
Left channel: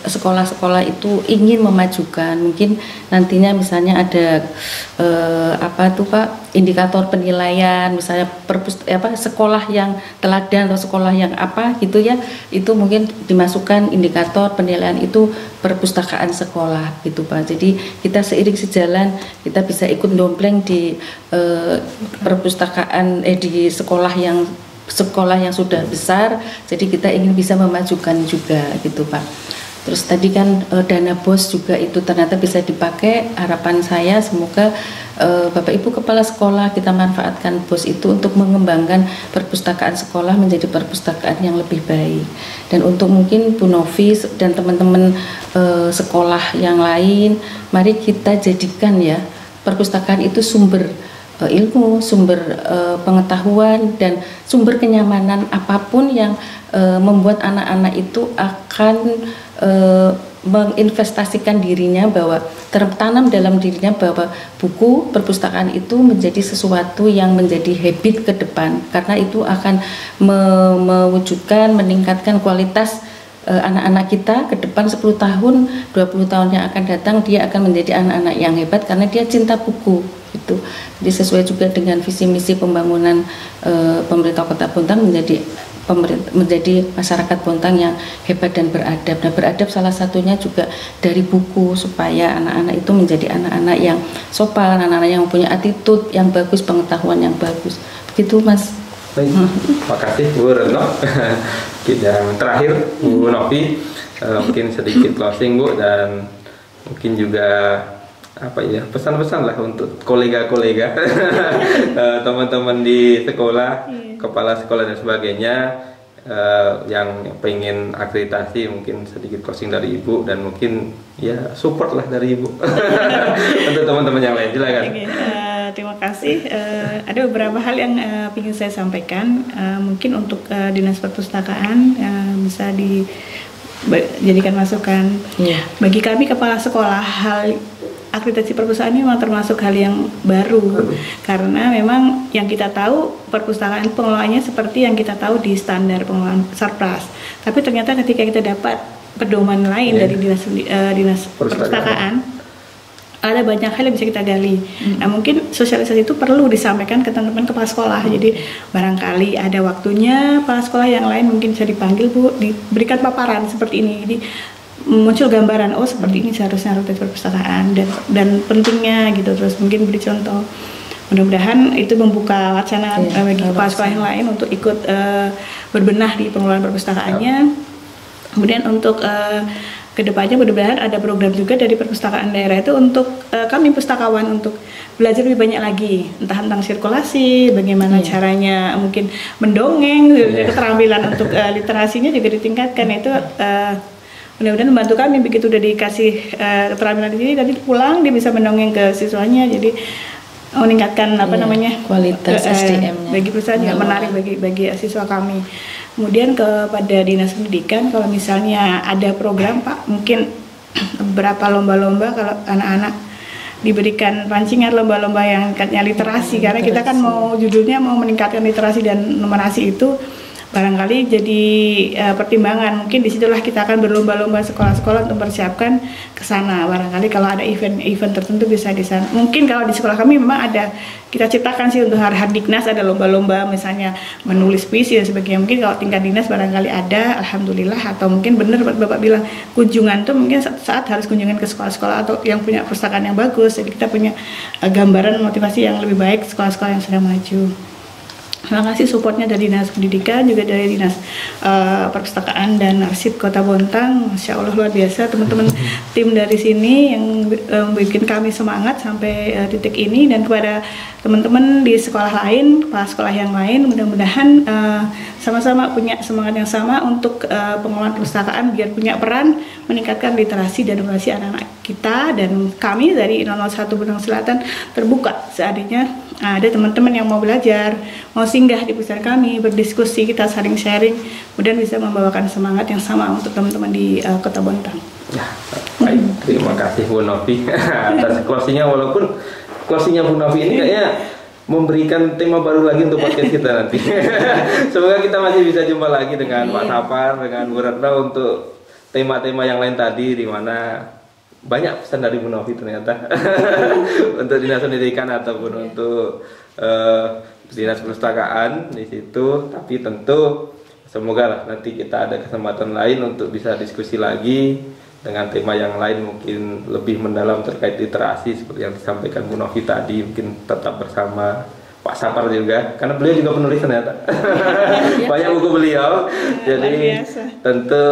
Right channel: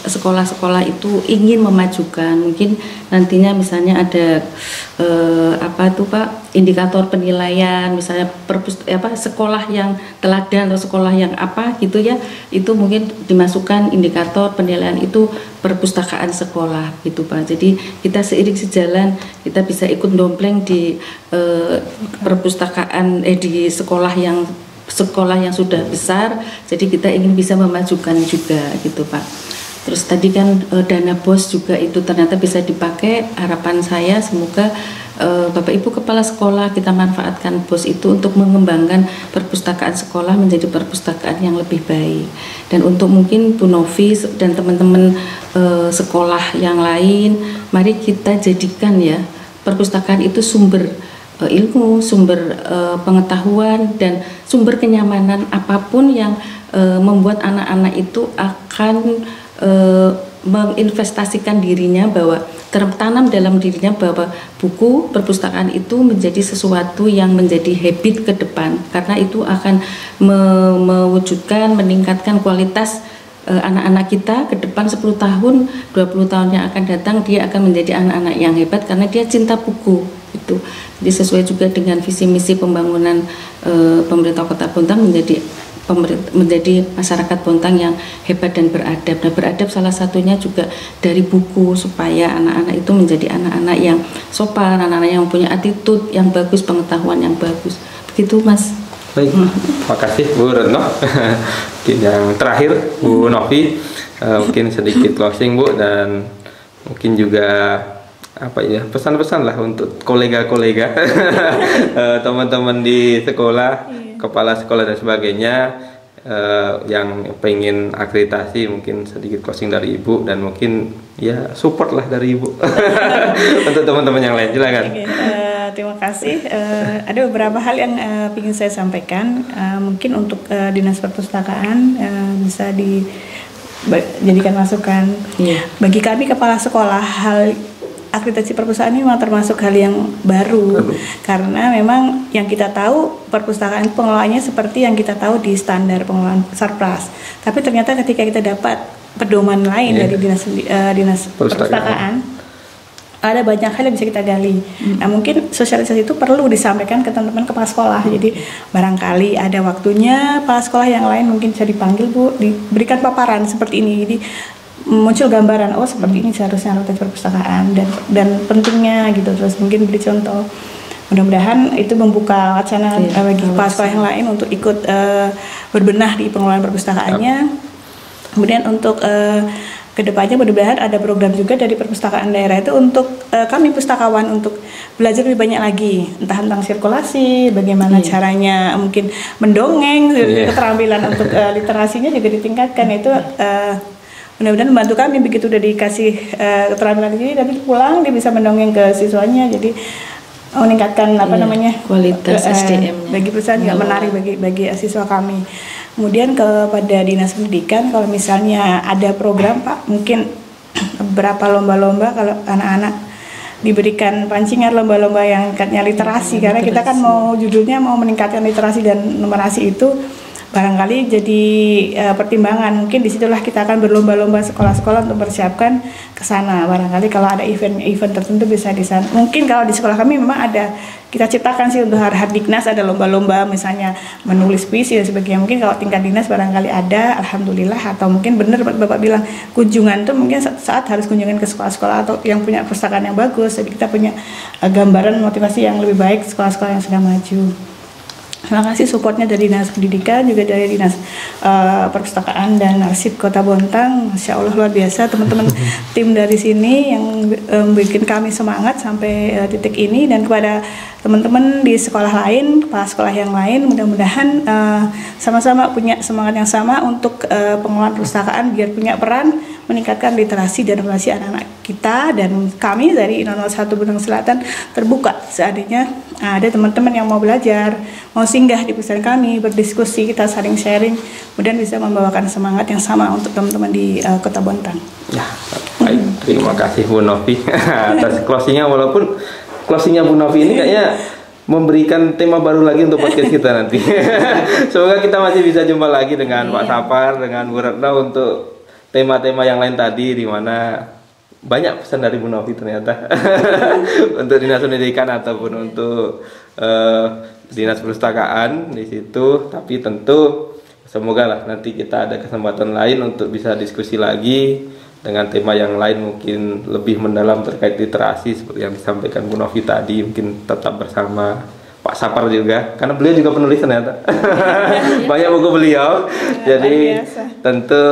sekolah-sekolah itu ingin memajukan. Mungkin nantinya misalnya ada Pak, indikator penilaian, misalnya sekolah yang teladan atau sekolah yang apa gitu ya, itu mungkin dimasukkan indikator penilaian itu perpustakaan sekolah gitu Pak. Jadi kita seiring sejalan kita bisa ikut dompleng di perpustakaan di sekolah yang sudah besar. Jadi kita ingin bisa memajukan juga gitu Pak. Terus tadi kan dana BOS juga itu ternyata bisa dipakai. Harapan saya semoga Bapak Ibu Kepala Sekolah kita manfaatkan BOS itu untuk mengembangkan perpustakaan sekolah menjadi perpustakaan yang lebih baik. Dan untuk mungkin Bu Novi dan teman-teman sekolah yang lain, mari kita jadikan ya perpustakaan itu sumber ilmu, sumber pengetahuan dan sumber kenyamanan apapun yang membuat anak-anak itu akan menginvestasikan dirinya, bahwa tertanam dalam dirinya bahwa buku perpustakaan itu menjadi sesuatu yang menjadi habit ke depan, karena itu akan mewujudkan, meningkatkan kualitas anak-anak kita ke depan 10 tahun, 20 tahun yang akan datang. Dia akan menjadi anak-anak yang hebat karena dia cinta buku itu. Jadi sesuai juga dengan visi misi pembangunan pemerintah Kota Bontang menjadi masyarakat Bontang yang hebat dan beradab. Nah, beradab salah satunya juga dari buku, supaya anak-anak itu menjadi anak-anak yang sopan, anak-anak yang punya attitude yang bagus, pengetahuan yang bagus. Begitu Mas. Baik, terima kasih Bu Retno. Yang terakhir Bu Novi, mungkin sedikit closing Bu, dan mungkin juga pesan-pesan lah untuk kolega-kolega, teman-teman di sekolah, kepala sekolah dan sebagainya, yang pengen akreditasi. Mungkin sedikit closing dari Ibu, dan mungkin ya support lah dari Ibu untuk teman-teman yang lain. Silakan. Terima kasih. Ada beberapa hal yang ingin saya sampaikan. Mungkin untuk Dinas Perpustakaan bisa dijadikan masukan. Bagi kami kepala sekolah, hal akreditasi perpustakaan ini memang termasuk hal yang baru, karena memang yang kita tahu perpustakaan pengelolaannya seperti yang kita tahu di standar pengelolaan Sarpras. Tapi ternyata ketika kita dapat pedoman lain dari dinas perpustakaan, ada banyak hal yang bisa kita gali. Nah, mungkin sosialisasi itu perlu disampaikan ke teman-teman kepala sekolah. Jadi barangkali ada waktunya kepala sekolah yang lain mungkin bisa dipanggil Bu, diberikan paparan seperti ini. Jadi muncul gambaran, oh seperti ini seharusnya akreditasi perpustakaan dan pentingnya gitu. Terus mungkin beri contoh. Mudah-mudahan itu membuka wacana bagi kepala sekolah yang lain untuk ikut berbenah di pengelolaan perpustakaannya. Kemudian untuk kedepannya mudah-mudahan ada program juga dari perpustakaan daerah itu untuk kami pustakawan untuk belajar lebih banyak lagi, entah tentang sirkulasi, bagaimana caranya mungkin mendongeng, keterampilan untuk literasinya juga ditingkatkan. Itu mudah-mudahan membantu kami begitu udah dikasih keterampilan ini, nanti pulang dia bisa mendongeng ke siswanya, jadi meningkatkan kualitas SDM-nya bagi perusahaan juga menarik bagi siswa kami. Kemudian kepada Dinas Pendidikan, kalau misalnya ada program Pak, mungkin beberapa lomba-lomba kalau anak-anak diberikan pancingan lomba-lomba yang katanya literasi, karena kita kan judulnya mau meningkatkan literasi dan numerasi itu barangkali jadi pertimbangan. Mungkin disitulah kita akan berlomba-lomba sekolah-sekolah untuk mempersiapkan ke sana. Barangkali kalau ada event tertentu bisa di sana. Mungkin kalau di sekolah kami memang ada, kita ciptakan sih untuk Hardiknas ada lomba-lomba misalnya menulis puisi dan sebagainya. Mungkin kalau tingkat dinas barangkali ada, alhamdulillah. Atau mungkin benar Bapak bilang kunjungan tuh mungkin saat harus kunjungan ke sekolah-sekolah atau yang punya perpustakaan yang bagus. Jadi kita punya gambaran motivasi yang lebih baik sekolah-sekolah yang sudah maju. Terima kasih supportnya dari Dinas Pendidikan, juga dari Dinas Perpustakaan dan Arsip Kota Bontang. Masya Allah luar biasa teman-teman tim dari sini yang membuat kami semangat sampai titik ini. Dan kepada teman-teman di sekolah lain, kepala sekolah yang lain, mudah-mudahan sama-sama punya semangat yang sama untuk pengelolaan perpustakaan biar punya peran meningkatkan literasi dan numerasi anak-anak kita. Dan kami dari 001 Bintang Selatan terbuka seandainya ada teman-teman yang mau belajar, mau singgah di perpustakaan kami, berdiskusi, kita saling sharing, kemudian bisa membawakan semangat yang sama untuk teman-teman di Kota Bontang. Ya, baik, terima kasih Bu Novi atas closingnya. Walaupun closingnya Bu Novi ini kayaknya memberikan tema baru lagi untuk podcast kita nanti. Semoga kita masih bisa jumpa lagi dengan Pak Sapar, dengan Bu Retno untuk tema-tema yang lain tadi, di mana banyak pesan dari Bu Novi ternyata untuk Dinas Pendidikan ataupun untuk Dinas Perpustakaan di situ. Tapi tentu semoga lah nanti kita ada kesempatan lain untuk bisa diskusi lagi dengan tema yang lain, mungkin lebih mendalam terkait literasi seperti yang disampaikan Bu Novi tadi. Mungkin tetap bersama Pak Sapar juga, karena beliau juga penulis ternyata. Banyak buku beliau. Jadi tentu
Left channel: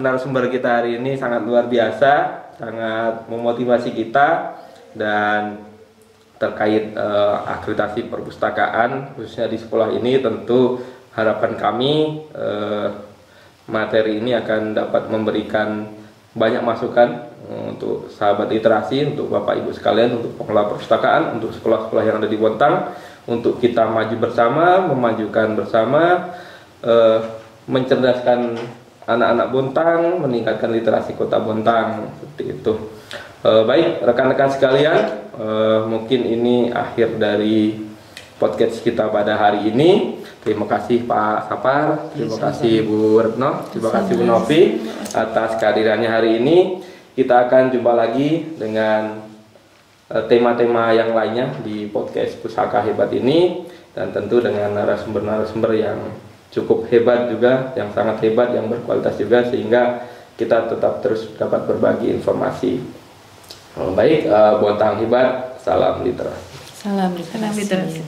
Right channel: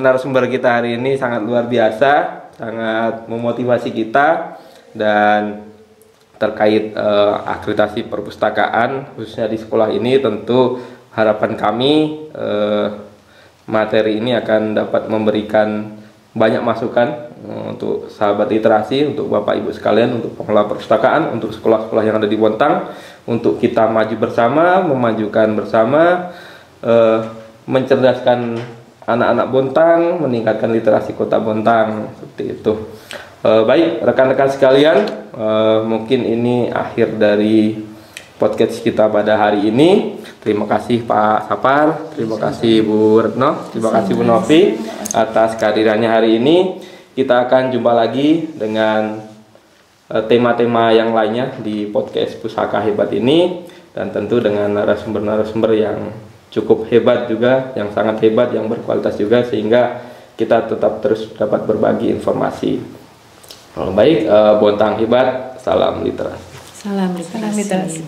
narasumber kita hari ini sangat luar biasa, sangat memotivasi kita. Dan terkait akreditasi perpustakaan khususnya di sekolah ini, tentu harapan kami materi ini akan dapat memberikan banyak masukan untuk sahabat literasi, untuk Bapak Ibu sekalian, untuk pengelola perpustakaan, untuk sekolah-sekolah yang ada di Bontang, untuk kita maju bersama, memajukan bersama, mencerdaskan anak-anak Bontang, meningkatkan literasi Kota Bontang, seperti itu. Baik rekan-rekan sekalian, mungkin ini akhir dari podcast kita pada hari ini. Terima kasih Pak Sapar, terima kasih Bu Retno, terima kasih Bu Novi atas kehadirannya hari ini. Kita akan jumpa lagi dengan tema-tema yang lainnya di podcast Pusaka Hebat ini, dan tentu dengan narasumber-narasumber yang cukup hebat juga, yang sangat hebat, yang berkualitas juga, sehingga kita tetap terus dapat berbagi informasi. Baik, Bontang hebat, salam literasi. Salam literasi.